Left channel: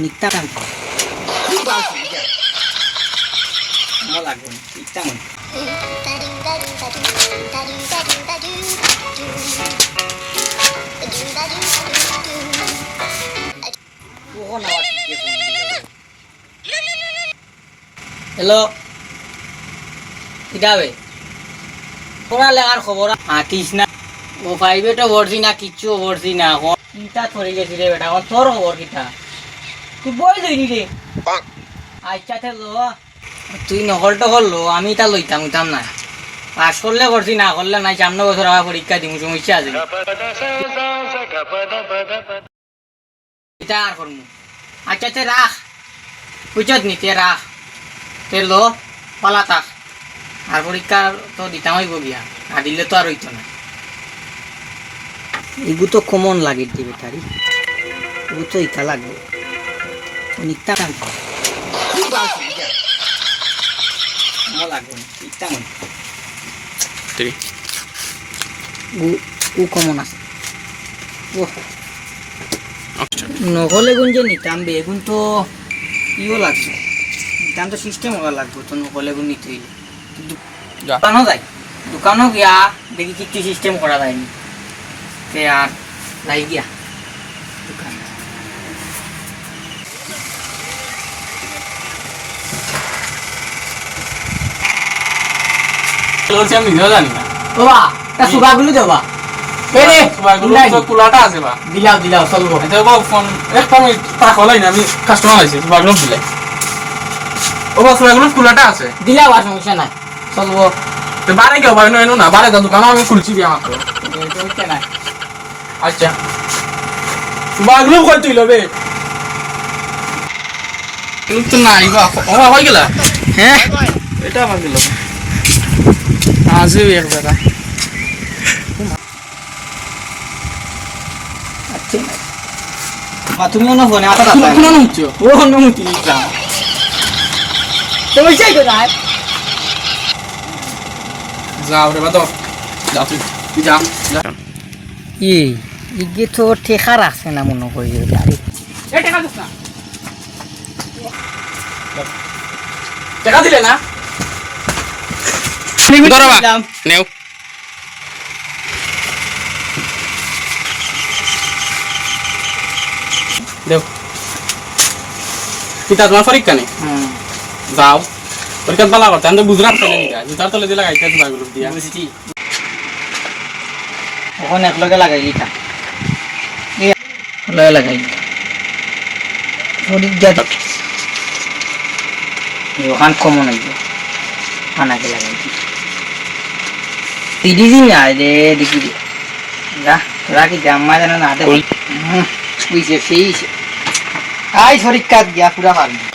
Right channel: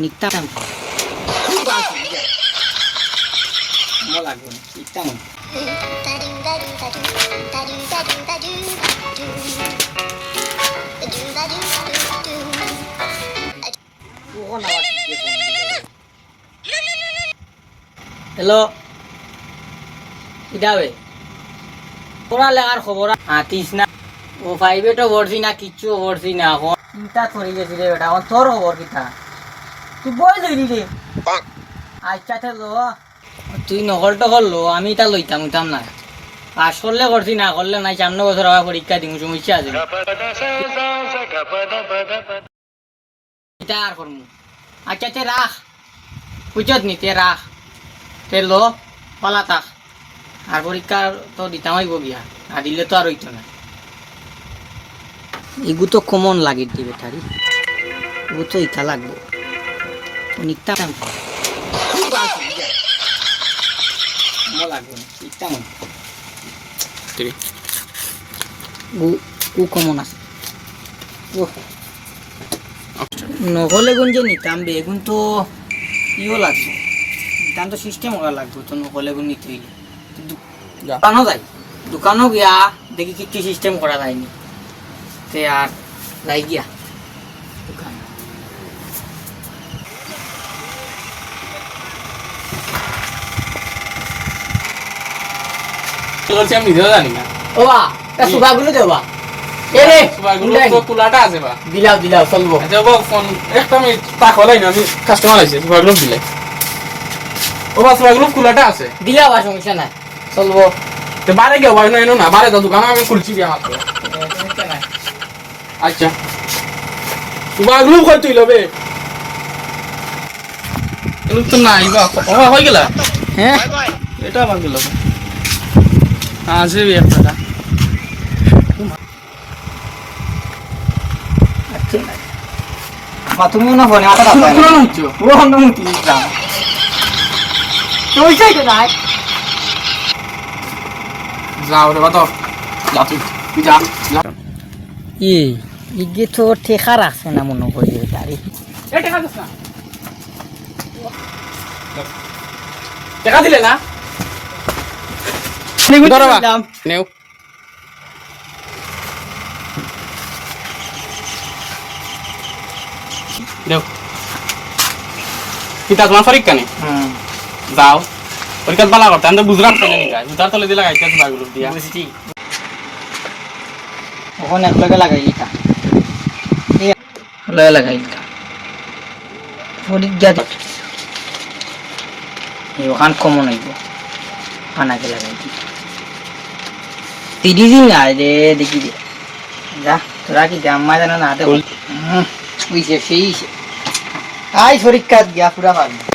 নিতাম হ্যালো কিতাবে তোমার লেখার খবর আঁকিস না ও প্রাইভেটও ভরছি না কিচ্ছু ভরছি না চিন্তা করে গেছি রে বেটা তোর খবর কিতা তুই বই ধরি রে। আচ্ছা তে। লো তুই নকল টকল লো আমি তা লইতাম উইতাম না। পাস করলে করছি না করলে নাই সামনে বছর আবার পরীক্ষা দিম সমস্যা আছে। এটা আর করমু। আচ্ছা তে রাখ। বুঝত নি তে রাখ। তে লো পালা তাক আর পরীক্ষা তো দিতাম হইব গিয়া। আর দিলে তো আর হইতো না। এগু তো কমন লাগে দিবে তারি ও তো ইটা লাগবে। নিতাম ও কমন আছে নহলে গুণ যে নিতাম বেগুন তো ইও লাগবে নিতাম তো সিস্টেম ওরা লাগবে তো নহলে গুণ নিতে হইলে দোকানও যাই দোকানও গিয়া দেখি কি কি সিস্টেম করা যায়নি তে আর যাই গিয়া বলছি আমি নিজেও জানি না। ও বা তা সুগাগুলো দেও বা এ রে সুপারগুলো তো খোলাটা আছে বা। দিলাও দিলাও চলবো। আচ্ছা বাবু ফোন একটা আমি টাকা হলাই না আমি কাস্টমার আছি সুপারগুলো দিলাই ও বা সুপারগুলো খোলাটা আছে। দিলাও আর সমস্যা নাই। চলবো। তো বারে কেউ বারে না এনো না বারে তো দোকান আমি খুলছি দিয়া মাত্র সমস্যা নাই। আচ্ছা। কই তুই লবে। এগুলো নাই বা হয়ে গেলা? হ্যাঁ এটা গেল আছে এক টাকা আচ্ছা বা তুমি মনে ফোনে আমার কোন কোন হচ্ছে ও না মুতি দিলাম তুমি চাই তো নাই যাও রে বা যা তুই যা যা। ই। ইগে তো ঠেকা রাখছে না মনে করি আরে না। টাকা দিলে না? ধরো বা দাম। নেও দেও পিতা তোমার পরীক্ষা নেই হুম যাও পরীক্ষা বালা করতে আমি তো বুঝলাম জুতার তলে দিয়ে লাগাইতে তোমার দিয়া বুঝছি এখন একলগে লাগাই দিতা লগে লাগাই দিতা শরীর যা তো ওখান কমন হইব খানাকে লাগাই দিতা না রে দেখি রাখি জানে না হাতে বুঝছে সেই আই শরীর কাজ গিয়া পুরা পারবি